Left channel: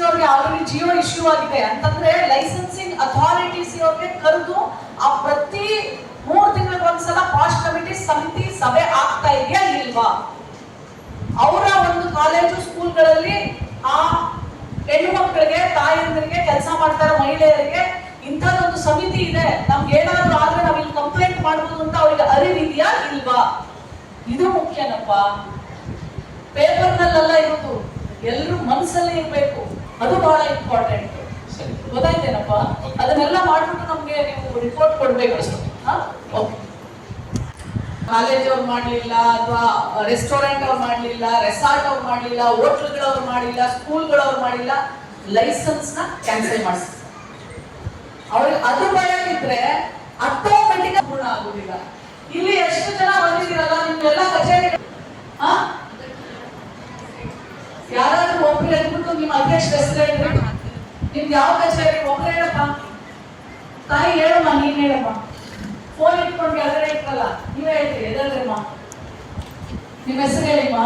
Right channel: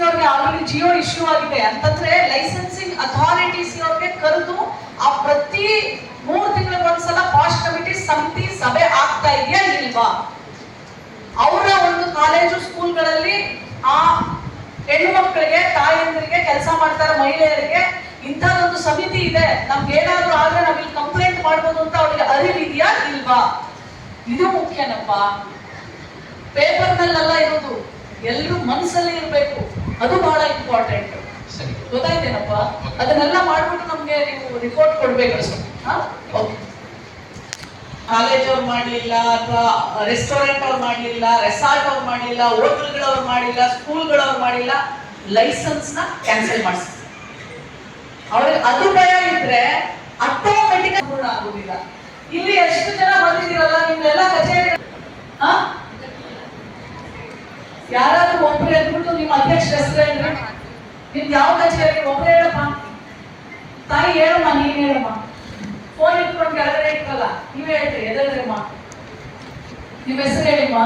ಅವ್ರಿಗೆ already Jio issue ಆಗಿದೆ ಅಂತಂದ್ರೆ ಲೈಸೆನ್ಸಿಂಗ್ ಅಥಾರಿಟೀಸ್ ಅವ್ರಿಗೆ ಕರೆದು ಆ ಪ್ರತಿ 3 ತಿಂಗಳಿಗೆ ಒಂದ್ಸಲ ಪಾಶ್ ಕಮಿಟಿ ಸಮಿತಿ ಸಭೆ ಆಗ್ತಾ ಇದೆಯಾ ಇಲ್ವಾ? ಅವರ ಒಂದು ಕಾಲೇಜು ಸ್ಕೂಲ್ಗಳಲ್ಲಿ ಆ ಹೆಣ್ಣು ಮಕ್ಕಳಿಗೆ ತಾಯಂದರಿಗೆ ಕೆಲಸ ಮಾಡ್ತಾರೆ ಮಹಿಳೆಯರಿಗೆ ಇಂಥದೊಂದು ಸಮಿತಿ ಇದೆ, ನಮ್ಗೆ ಏನಾದ್ರೂ ಆದ್ರೆ ನಾವ್ ಇಲ್ಲಿ ಕಂಪ್ಲೇಂಟ್ ಮಾಡ್ಬೋದು ಅಂತ ಅವ್ರಿಗೆ ಅರಿವಿದೆಯಾ ಇಲ್ವಾ? ಇದು ಮುಖ್ಯನಪ್ಪ. ಪೇಪರ್ನಲ್ಲೆಲ್ಲ ಇರೋದು ಎಲ್ಲರೂ ಮನಸ್ಸಲ್ಲಿ ಇರ್ಬೇಕು, ಅದು ಬಹಳ ಇಂಪಾರ್ಟೆಂಟ್. ಗೊತ್ತಾಯ್ತೇನಪ್ಪ? ಅದನ್ನೆಲ್ಲ ಮಾಡ್ಬಿಟ್ಟು ನಮ್ಗೆ ನೀವು ರಿಪೋರ್ಟ್ ಕೊಡ್ಬೇಕು. ಕಾಲೇಜ್ ಅವ್ರು ಮಾಡ್ಲಿಲ್ಲ ಅಥವಾ ರೆಸ್ಟೋರೆಂಟ್ ಅವ್ರು ಮಾಡ್ಲಿಲ್ಲ, ರೆಸಾರ್ಟ್ ಅವ್ರು ಮಾಡ್ಲಿಲ್ಲ, ಹೋಟ್ಲ್ಗಳವ್ರು ಮಾಡಿಲ್ಲ, ಸ್ಕೂಲ್ಗಳವ್ರು ಮಾಡಿಲ್ಲ, ಲೈಸೆನ್ಸ್ ನ ಕ್ಯಾನ್ಸಲ್ ಮಾಡಿಸ್ತಾರೆ. ಅವ್ರಿಗೆ ಅದು ಭಯ ಇದ್ರೆ ಆಟೋಮೆಟಿಕ್ ಪೂರ್ಣ ಆಗುದಿಲ್ಲ. ಇಲ್ಲಿ ಎಷ್ಟು ಜನ ಬಂದಿದ್ದೀರಲ್ಲ ನಿಮ್ಗೆಲ್ಲ ಕಚೇರಿ ಯಾರಾದ್ರೂ ಒಬ್ರು ಅಂದ್ಬಿಟ್ಟು ನಿಮ್ಮ ಅಧ್ಯಕ್ಷ ಹೆಸರು ಹೇಳ್ರಿ, ನಿಮ್ದು ಯಾವ ಕಚೇರಿ ಒಬ್ರು ಹೇಳಪ್ಪ. ತಾಯಿ ಹೇಳಮ್ಮ, ನೀನ್ ಹೇಳಮ್ಮ. ಫೋನ್ ಇಟ್ಕೊಂಡು ಕೆಳಗಡೆ ಇಟ್ಕಲ್ಲ, ನೀವೇ ಹೇಳ್ರಿ ಎದಲ್ರಮ್ಮ, ನಿಮ್ಮ ಹೆಸರು ಹೇಳಿಮ್ಮ.